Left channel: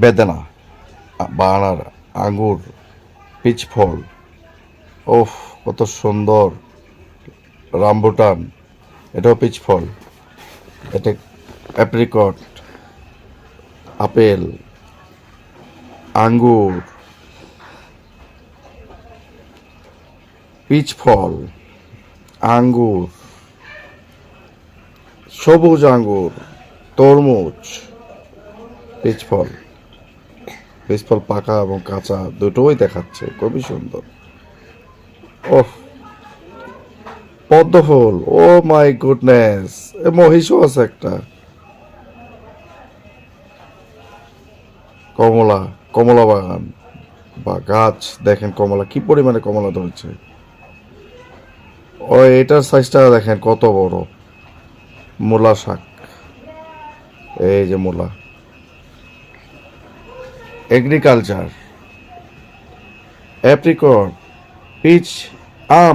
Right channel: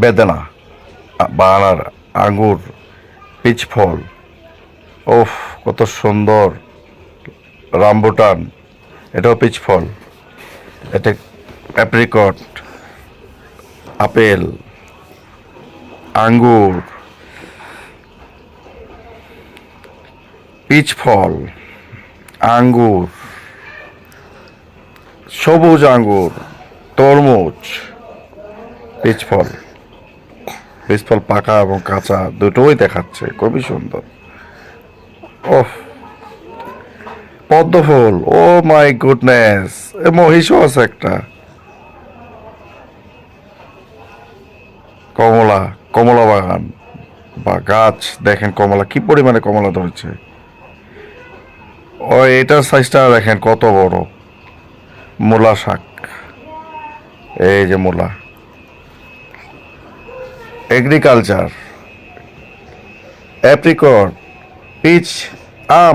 বেদানা, বানানা, আঙ্গুর, পিচ ফল, ওফ কত সুন্দর। রামবুটান, এটাও পিচ ফল। এটা অ্যাপ্রিকট, আপেল, আঙ্গুর, পিচ ফল, আঙ্গুর, সবুজ আঙ্গুর, তরমুজ, পিচ ফল। পিচ ফল পাকা এবং কাঁচা দুটোই দেখাচ্ছে, খুবই সুন্দর। ওফ, পদ্ম ফুল, ও মাই গুডনেস, এ মহিষও আছে একটা। কমলা, কমলা বাগান বা গাছ, দেখেন কমলা কি পরিমাণে কমলা ধরেছে। ও এটার সাইজটা দেখেন কত বড়। মূলা শাক, এই যে মূলা। এগ্রিকালচার, অ্যাপ্রিকট, পিচ, আম।